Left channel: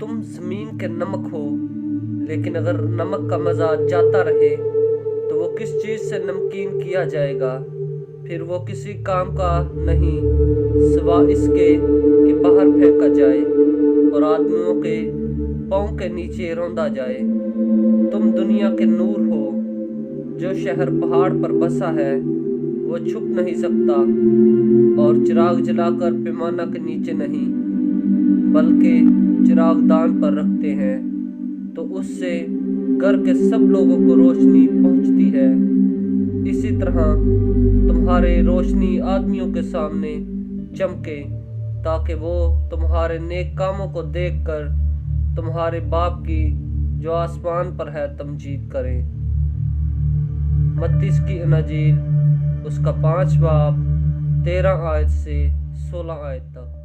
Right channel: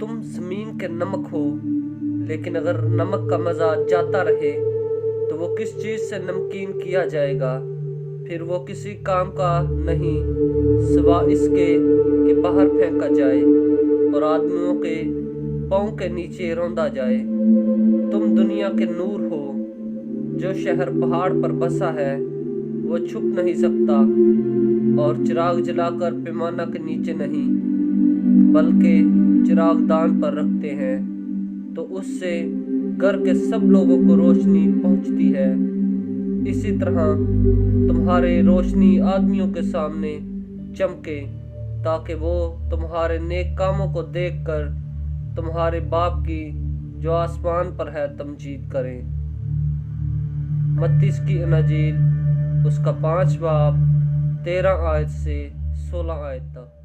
تم زمین کے نمک ہو، لیکن اگر نمک کا مزہ جاتا رہے تو وہ کس چیز سے نمکین کیا جائے گا؟ پھر وہ کسی کام کا نہیں سوا اس کے کہ باہر پھینکا جائے اور آدمیوں کے پاؤں کے نیچے روندا جائے۔ تم دنیا کے نور ہو۔ جو شہر پہاڑ پر بسا ہے وہ چھپ نہیں سکتا، اور چراغ جلا کر پیمانہ کے نیچے نہیں بلکہ چراغ دان پر رکھتے ہیں تو اس سے گھر کے سب لوگوں کو روشنی پہنچتی ہے۔ اسی طرح تمہارے روشنی آدمیوں کے سامنے چمکے تاکہ وہ تمہارے نیک کاموں کو دیکھ کر تمہارے باپ کی جو آسمان پر ہے تمجید کریں۔ متی کی انجیل اس کا 5 باب 13 آیت سے 16 آیت تک۔